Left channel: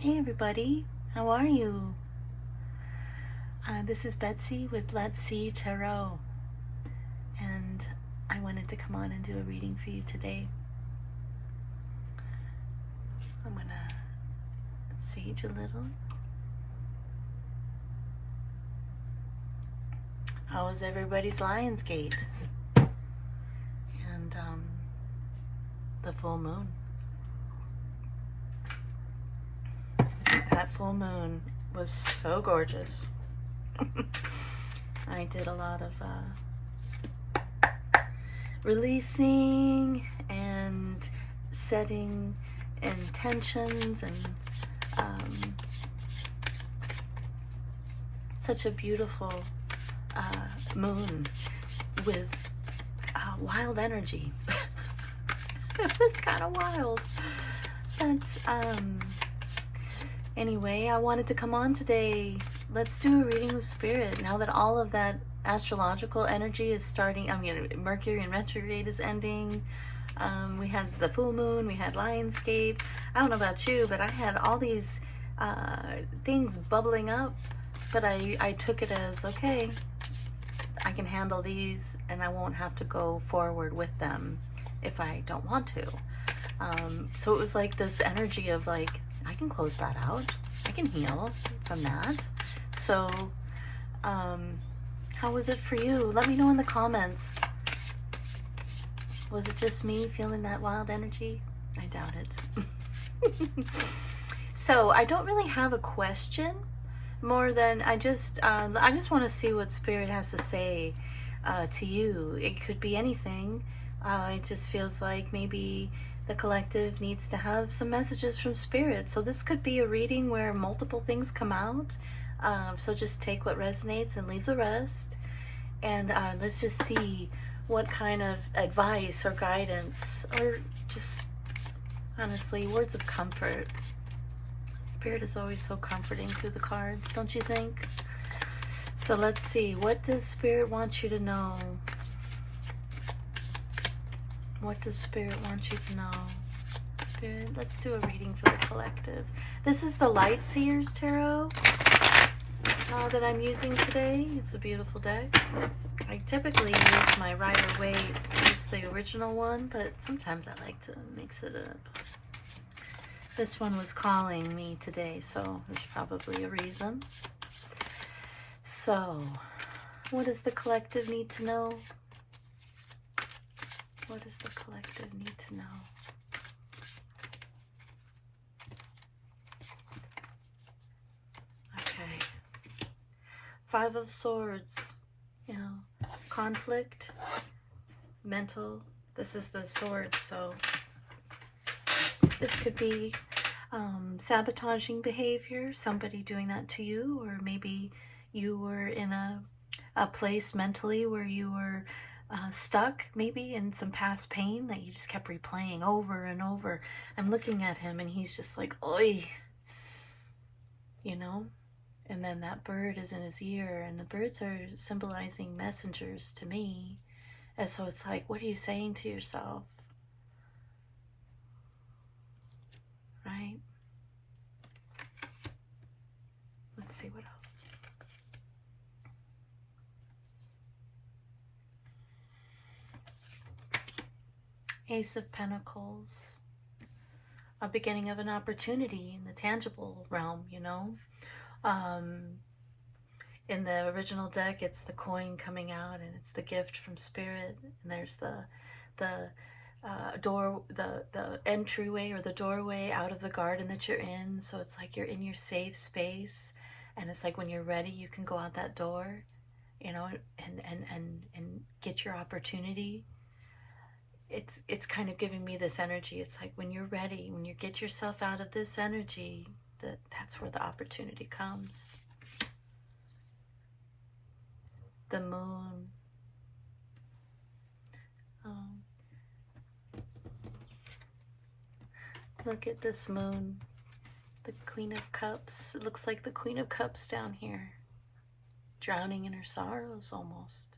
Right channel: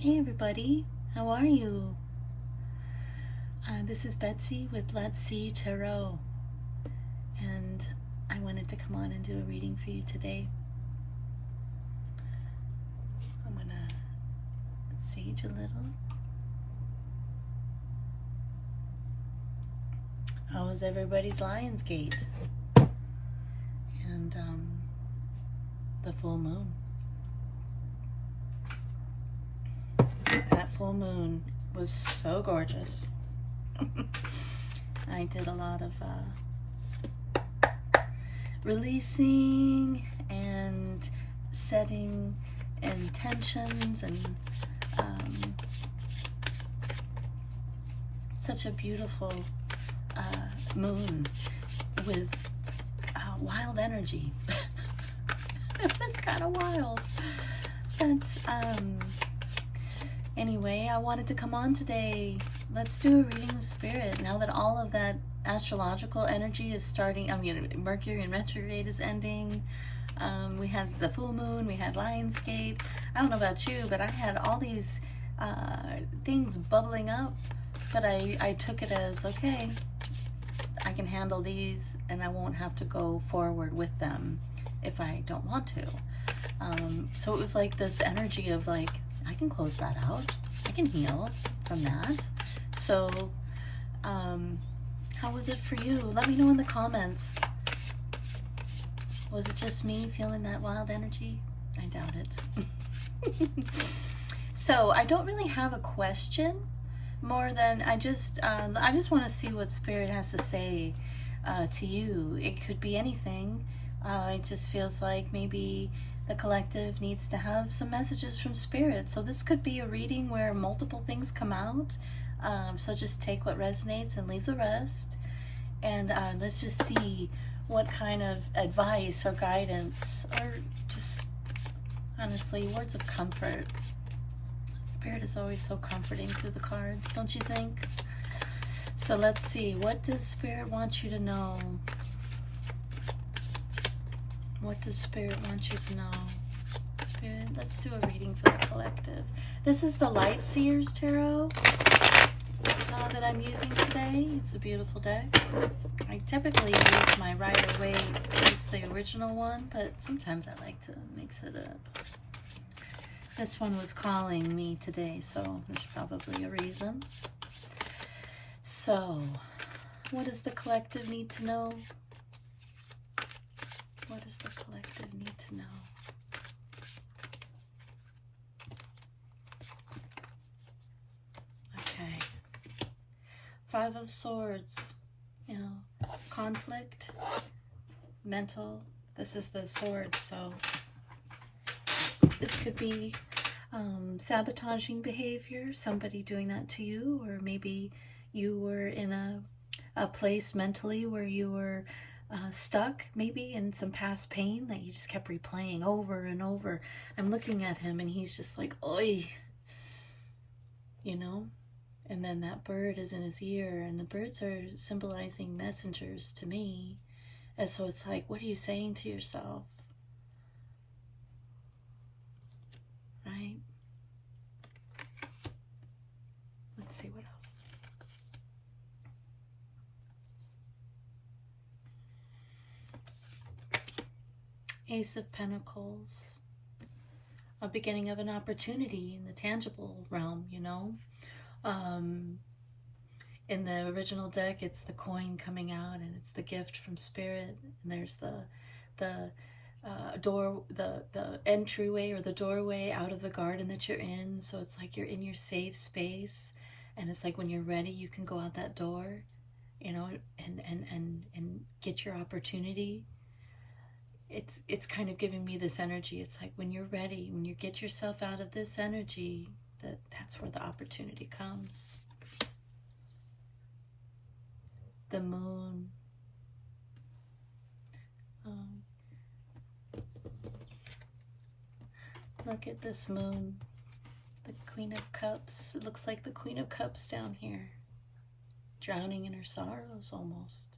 Hey everybody, how are you? This is Betsy with Let's See Tarot, and I wanted to come on and do a reading for you today. I'm gonna sage a little. How was everybody's Lionsgate? And the full moon. That full moon was so gorgeous. I did a lot of releasing and setting intentions, and such a beautiful moon with wild energy. It was kind of wild. But anyway, I wanted to come on today. Let's do a reading with Spirit. Now that all of that astrological energy is starting, Mercury in retrograde is ending. We had the full moon, we had Lionsgate. I don't know about you, but I had all these things bubbling up, but I took it as, okay, I can handle these and I won't have to go forward with them if I don't want to. So it was like this energy of like, I can close that out. I can heal from that. So, how was it for you? Let me know in the comments. Was it just me feeling that wild energy? I doubt it. So I don't really have a question, more than I just want to see what Spirit has to say to you. It could be anything. It just feels like maybe the collective needs to have some messages from Spirit. So this could be a reading where multiple things come out. So just take what resonates and leave the rest. And let's just see what kind of advice or guidance, or just honestly words of comfort. Spirit is always so comforting through the cards, don't you think? So let's see, what does Spirit want you to know? What does Spirit want you to know? Spirit, let's do a reading for the collective. This is the Light Seers Tarot that I'm using today. It's a beautiful deck. I typically use my Rider-Waite, it's the original one, but sometimes I like to mix it up. This one was calling me today, so there's probably a reason. So, what does the collective need to know? What does the collective need to know? Okay. Five of Swords. You know, conflict, mental. This is the sword, so this could be sabotaging behavior, somebody doing that to you, or maybe you were in a place mentally where you were stuck, maybe in some past pain that you just kept replaying over and over. I'm looking at him and he's just like, oi, you know? And then that bird is in his ear, and the birds are symbolizing messengers to me. And so it's like, what are you saying to yourself? Right? Let's see what else. Ace of Pentacles. A beginning of an opportunity in the tangible realm, you know? In the original deck, it's the coin coming out, and it's the gift from Spirit, and there's the entryway or the doorway out of the garden that you're in. So it's like you're in your safe space, and it's like when you're ready, you can go out that door, you know, and get your opportunity. It's kind of giving me this energy. It's like when you're ready, when you get yourself out of this energy, that's where the opportunity comes. The moon. Look at this moon. The Queen of Cups. It looks like the Queen of Cups down here, drowning in her sorrows almost.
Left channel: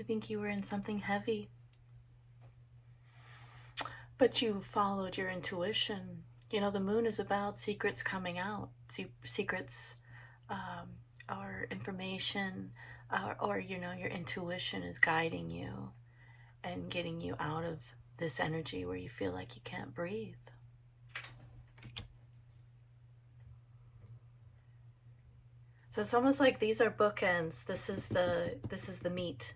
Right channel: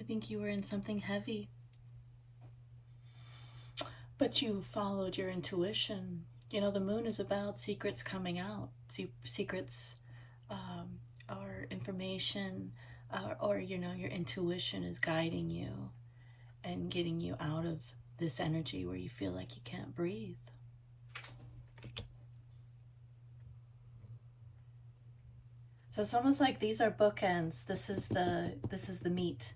I think you were in something heavy, but you followed your intuition. You know, the moon is about secrets coming out, secrets, or information, or, you know, your intuition is guiding you and getting you out of this energy where you feel like you can't breathe. So it's almost like these are bookends. This is the meat.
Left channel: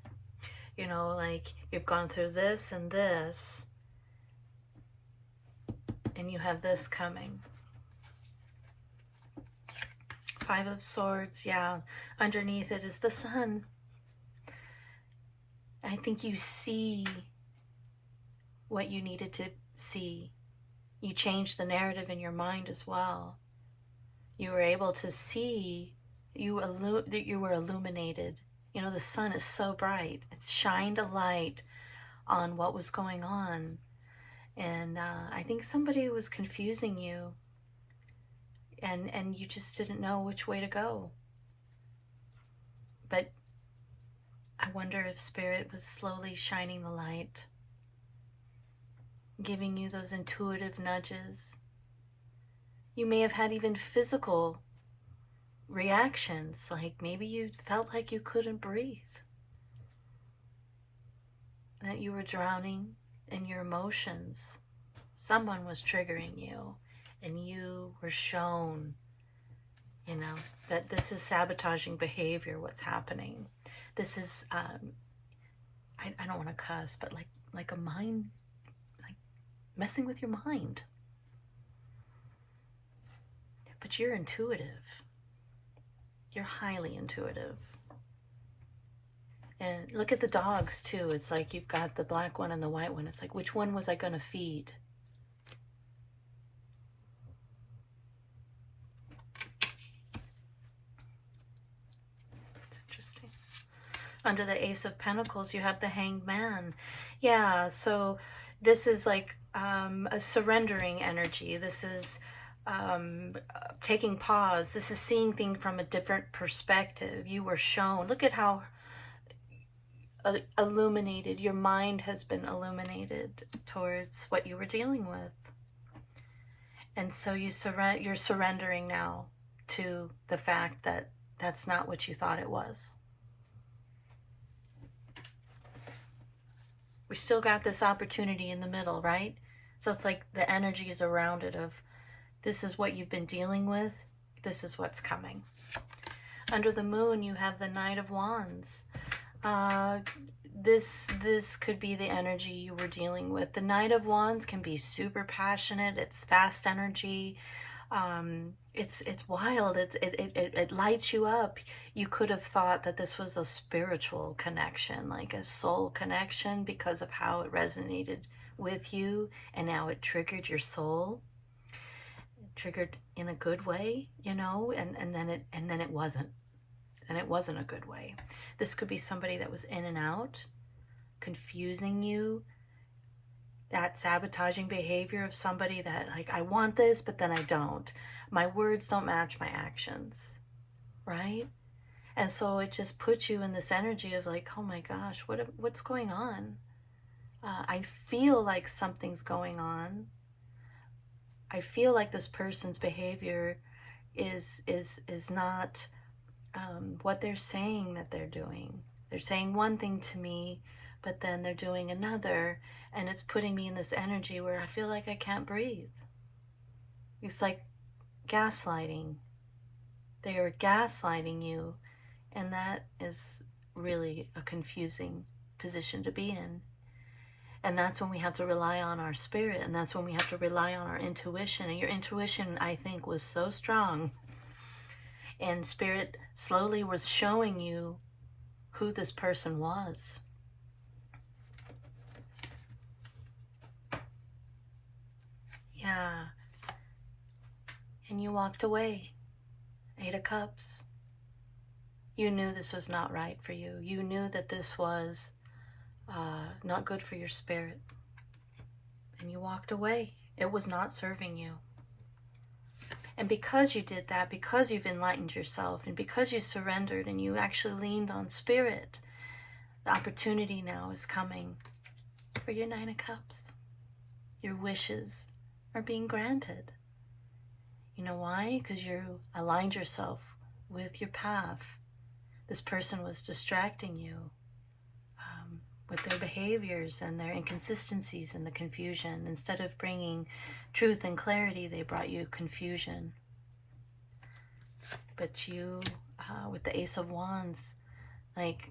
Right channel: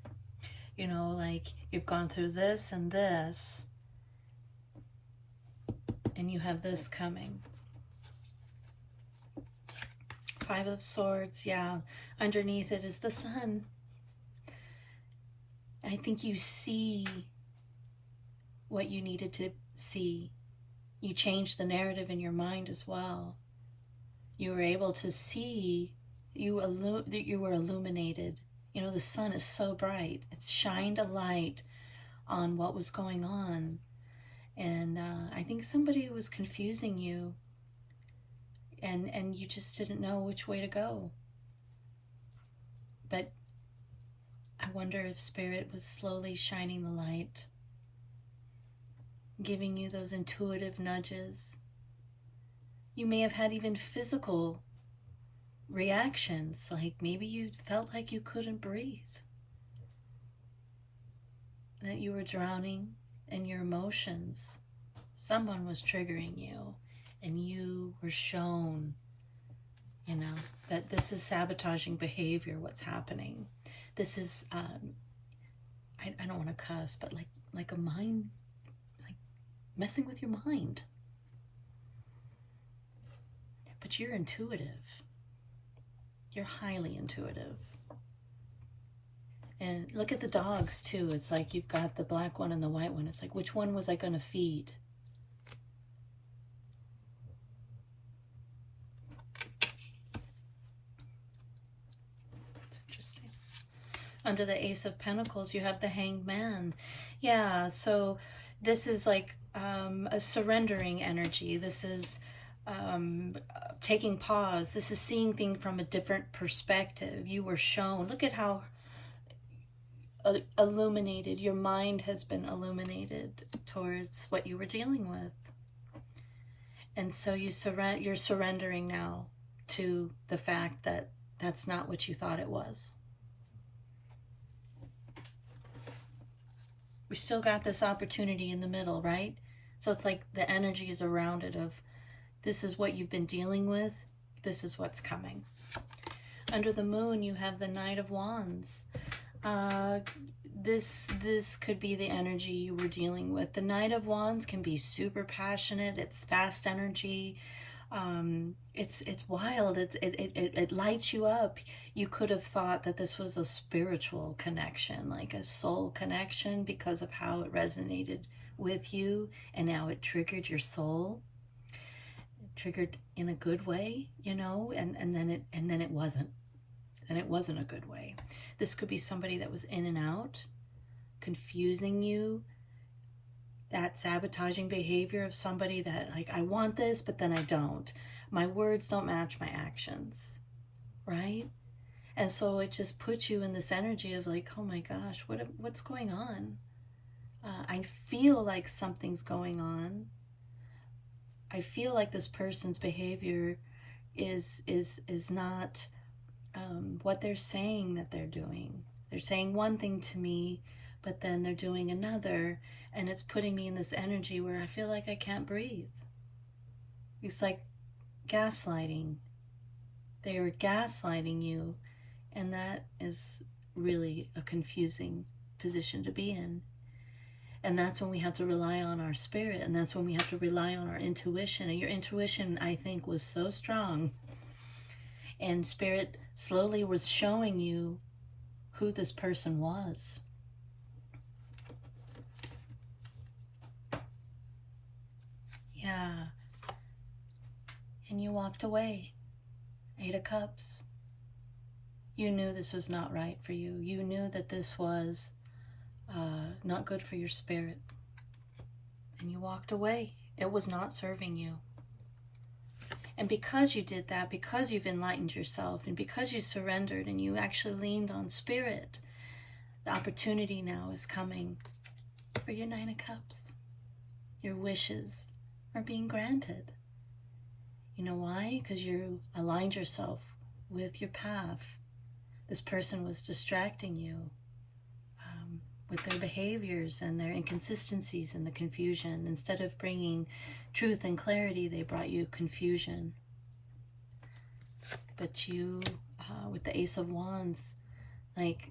You know, like you've gone through this and this, and you have this coming. Five of Swords, yeah. Underneath it is the sun. I think you see what you needed to see. You changed the narrative in your mind as well. You were able to see, you were illuminated. You know, the sun is so bright. It's shined a light on what was going on. And I think somebody was confusing you, and you just didn't know which way to go. But I wonder if Spirit was slowly shining the light, giving you those intuitive nudges. You may have had even physical reactions, like maybe you felt like you couldn't breathe, that you were drowning in your emotions. Someone was triggering you, and you were shown, you know, that this is sabotaging behavior, what's happening. This is, I don't want to cuss, but like a mind, like messing with your mind. But you're intuitive. You're highly intuitive. And look at the dogs too. It's like you've got the black one and the white one. It's like, which one was I going to feed? That's interesting. Under the Ace of Pentacles, you have the Hanged Man. Yeah, so this is like a surrendering energy. This is taking pause. This is seeing things from a different perspective. You were shown. Look at how illuminated your mind has been illuminated towards what you were dealing with. And so you're surrendering now to the fact that that's not what you thought it was. We still got this opportunity in the middle, right? So it's like the energy is around it of, this is what you've been dealing with. This is what's coming. Under the moon, you have the Knight of Wands. This could be the energy you were dealing with. The Knight of Wands can be super passionate. It's fast energy. It's wild. It lights you up. You could have thought that this was a spiritual connection, like a soul connection, because of how it resonated with you, and now it triggered your soul. Triggered in a good way, you know, and then it wasn't. And it wasn't a good way. This could be somebody that was in and out, confusing you. That sabotaging behavior of somebody that, like, I want this, but then I don't. My words don't match my actions, right? And so it just puts you in this energy of like, oh my gosh, what's going on? I feel like something's going on. I feel like this person's behavior is not what they're saying that they're doing. They're saying one thing to me, but then they're doing another, and it's putting me in this energy where I feel like I can't breathe. It's like gaslighting. They are gaslighting you, and that is really a confusing position to be in. And that's when we have to rely on our spirit, and that's when we have to rely on our intuition. And your intuition, I think, was so strong. And Spirit slowly was showing you who this person was. Yeah. And you walked away. 8 of Cups. You knew this was not right for you. You knew that this was not good for your spirit. And you walked away. It was not serving you. And because you did that, because you've enlightened yourself, and because you surrendered and you actually leaned on Spirit, the opportunity now is coming for your 9 of Cups. Your wishes are being granted. You know why? Because you aligned yourself with your path. This person was distracting you with their behaviors and their inconsistencies and the confusion. Instead of bringing truth and clarity, they brought you confusion. But you, with the Ace of Wands, like,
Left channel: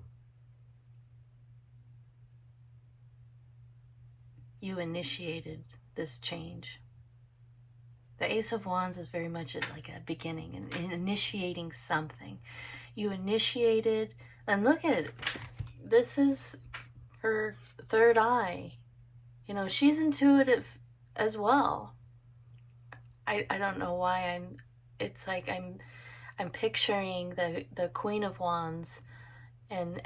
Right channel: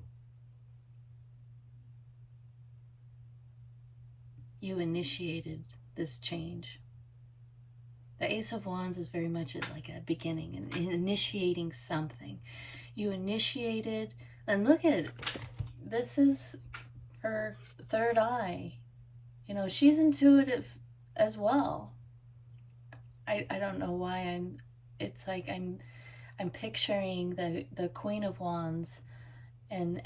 you initiated this change. The Ace of Wands is very much like a beginning and initiating something. You initiated, and look at it. This is her third eye. You know, she's intuitive as well. I don't know why it's like I'm picturing the Queen of Wands and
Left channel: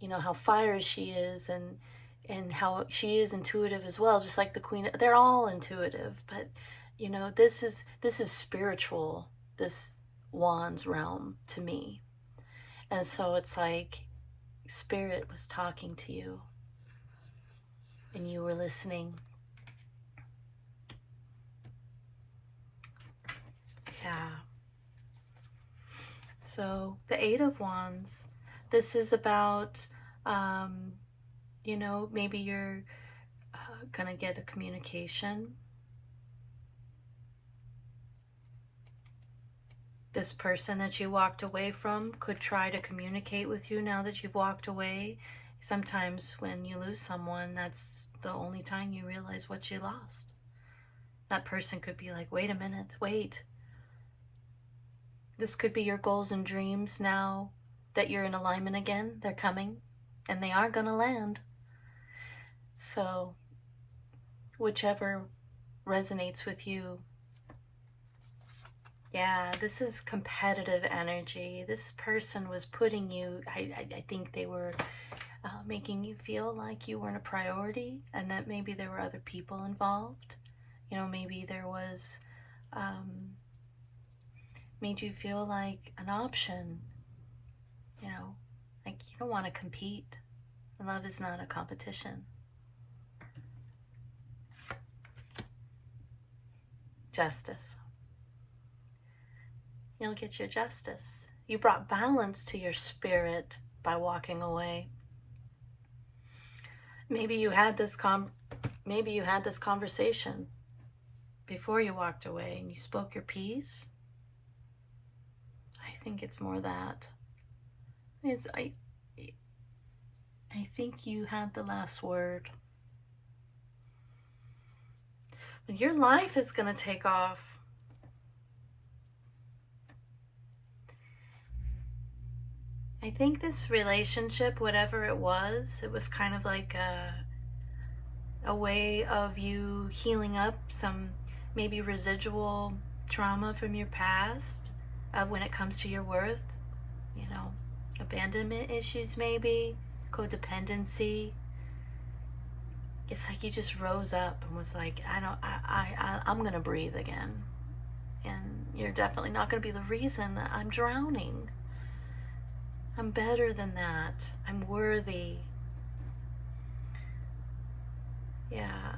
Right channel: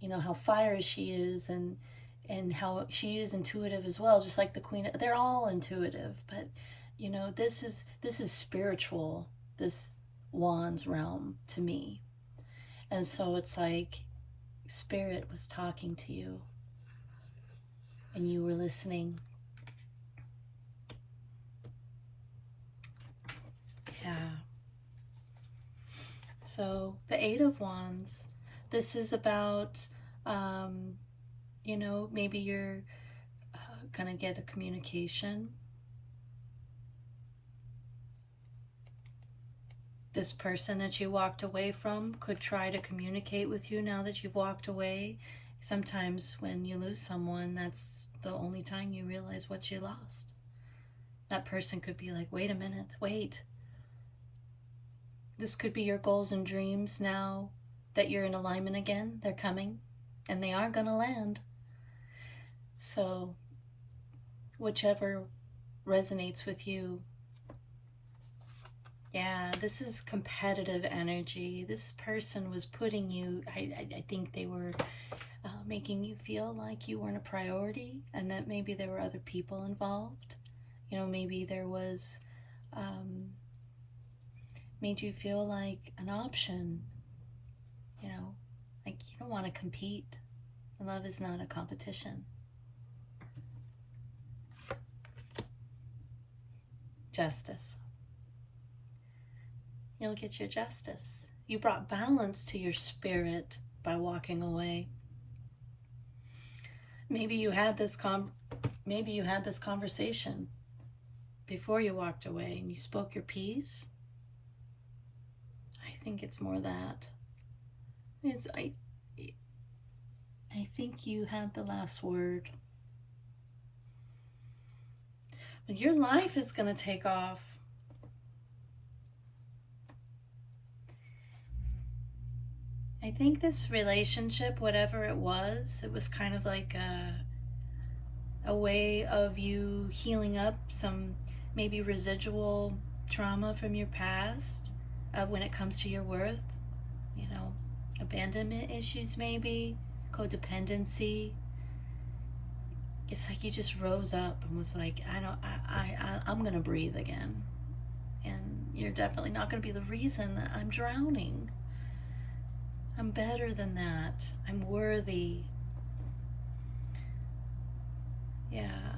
you know how fire she is and how she is intuitive as well, just like the Queen. They're all intuitive, but you know, this is spiritual, this Wands realm to me. And so it's like Spirit was talking to you and you were listening. Yeah. So the Eight of Wands, this is about, you know, maybe you're gonna get a communication. This person that you walked away from could try to communicate with you now that you've walked away. Sometimes when you lose someone, that's the only time you realize what you lost. That person could be like, wait a minute, wait. This could be your goals and dreams now that you're in alignment again. They're coming and they are gonna land. So whichever resonates with you. Yeah, this is competitive energy. This person was putting you, I think they were making you feel like you weren't a priority and that maybe there were other people involved. You know, maybe there was, made you feel like an option. You know, like you don't want to compete. Love is not a competition. Justice. You'll get your justice. You brought balance to your spirit by walking away. Maybe you had this conversation before you walked away and you spoke your piece. I think it's more that. I think you had the last word. But your life is going to take off. I think this relationship, whatever it was kind of like a way of you healing up some maybe residual trauma from your past when it comes to your worth. You know, abandonment issues maybe, codependency. It's like you just rose up and was like, I'm gonna breathe again. And you're definitely not gonna be the reason that I'm drowning. I'm better than that. I'm worthy. Yeah.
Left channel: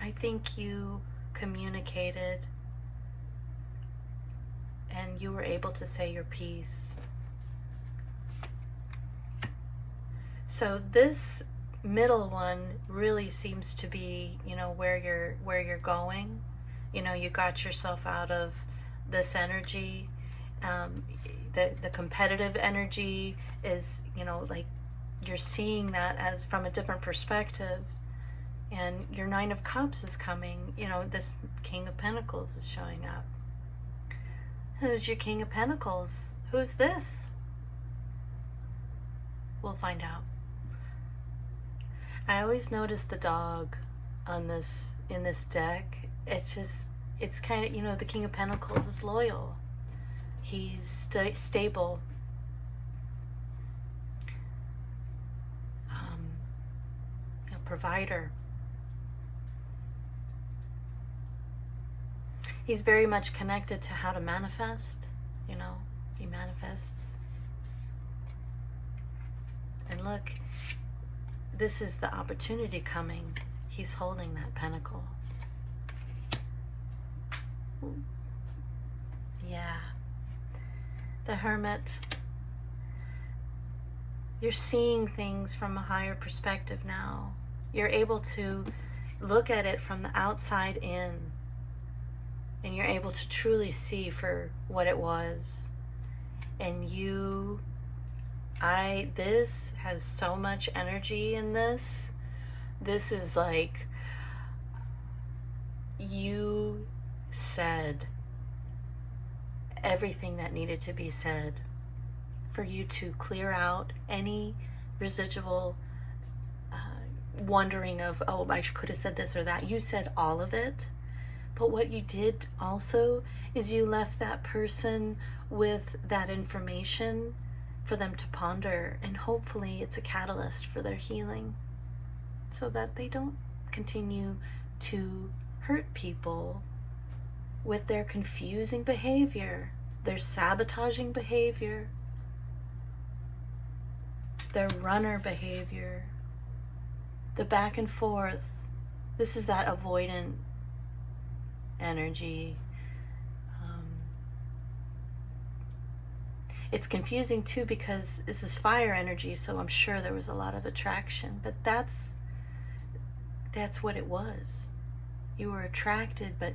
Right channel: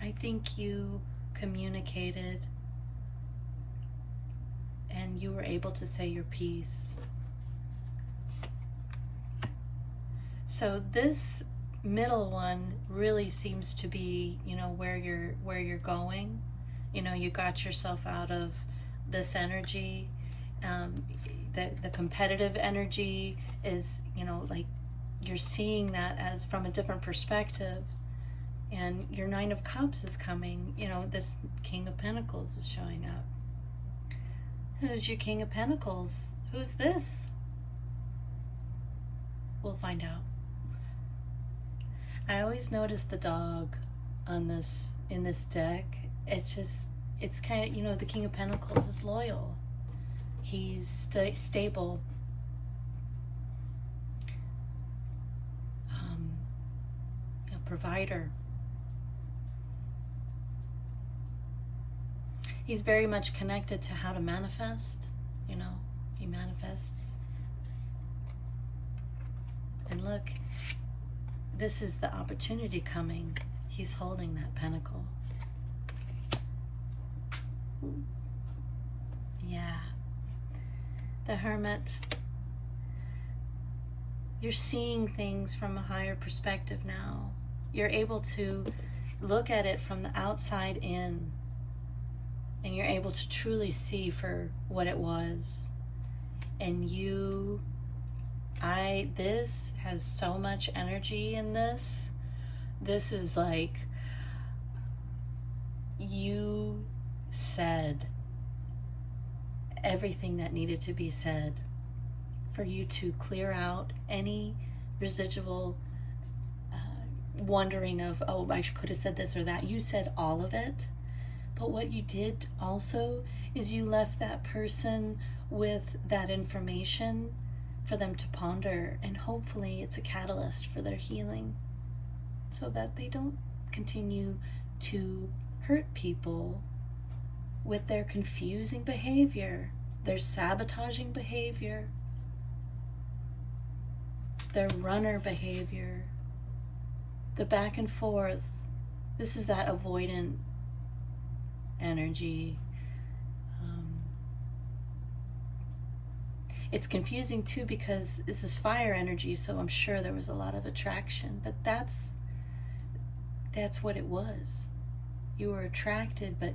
I think you communicated and you were able to say your piece. So this middle one really seems to be, you know, where you're going. You know, you got yourself out of this energy. The competitive energy is, you know, like you're seeing that as from a different perspective. And your Nine of Cups is coming. You know, this King of Pentacles is showing up. Who's your King of Pentacles? Who's this? We'll find out. I always notice the dog on this, in this deck. It's kind of, you know, the King of Pentacles is loyal. He's stable. A provider. He's very much connected to how to manifest. You know, he manifests. And look, this is the opportunity coming. He's holding that pentacle. The Hermit. You're seeing things from a higher perspective now. You're able to look at it from the outside in, and you're able to truly see for what it was. And this has so much energy in this. This is like, you said everything that needed to be said for you to clear out any residual wondering of, oh, I could have said this or that. You said all of it. But what you did also is you left that person with that information for them to ponder, and hopefully it's a catalyst for their healing so that they don't continue to hurt people with their confusing behavior, their sabotaging behavior, their runner behavior, the back and forth. This is that avoidant energy. It's confusing too because this is fire energy, so I'm sure there was a lot of attraction, but that's what it was. You were attracted, but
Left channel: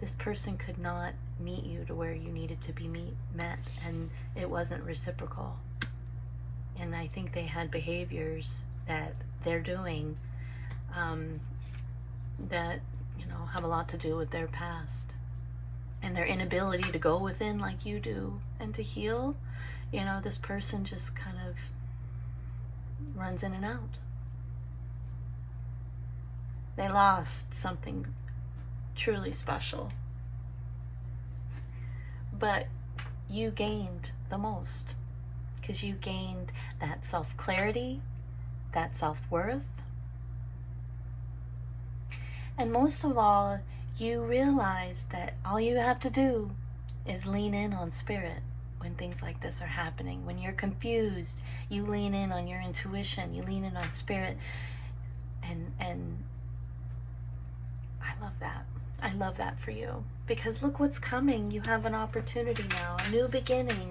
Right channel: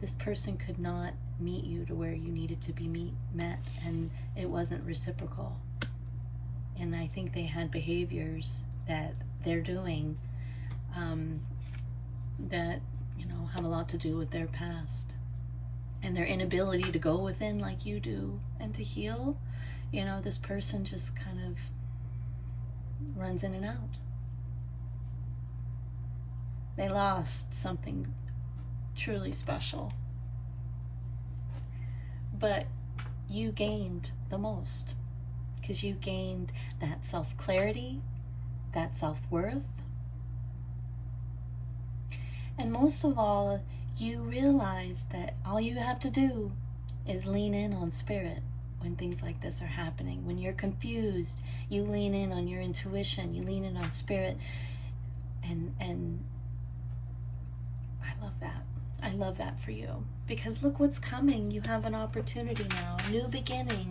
this person could not meet you to where you needed to be met, and it wasn't reciprocal. And I think they had behaviors that they're doing that, you know, have a lot to do with their past and their inability to go within like you do and to heal. You know, this person just kind of runs in and out. They lost something truly special, but you gained the most, because you gained that self-clarity, that self-worth, and most of all, you realize that all you have to do is lean in on spirit when things like this are happening. When you're confused, you lean in on your intuition, you lean in on spirit, and I love that. I love that for you, because look what's coming. You have an opportunity now, a new beginning.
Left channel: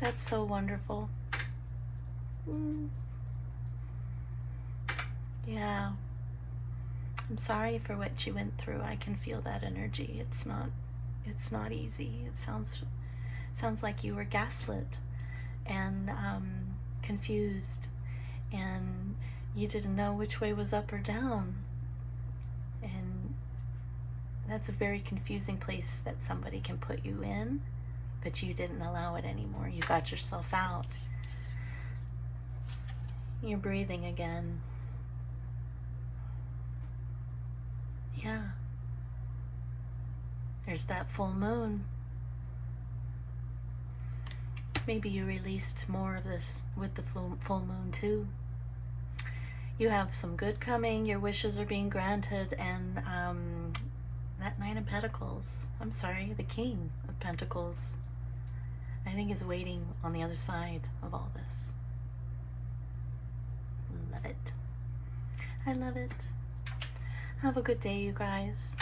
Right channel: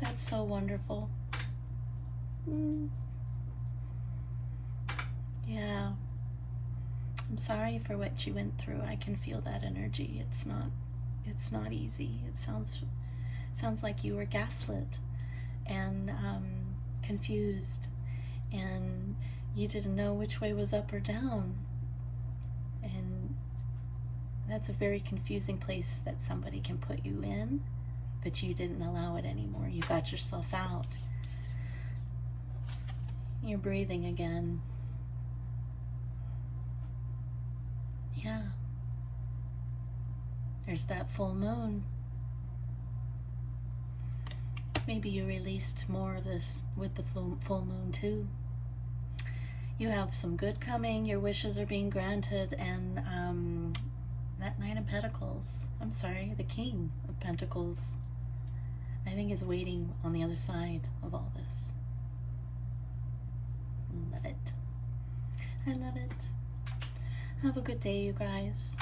That's so wonderful. Yeah. I'm sorry for what you went through. I can feel that energy. It's not easy. It sounds like you were gaslit and confused, and you didn't know which way was up or down. And that's a very confusing place that somebody can put you in, but you didn't allow it anymore. You got yourself out. You're breathing again. Yeah. There's that full moon. Maybe you released more of this with the full moon too. You have some good coming. Your wishes are being granted, and that Knight of Pentacles, I'm sorry, the King of Pentacles, I think is waiting on the other side of all this. Love it. I love it. Have a good day, you guys.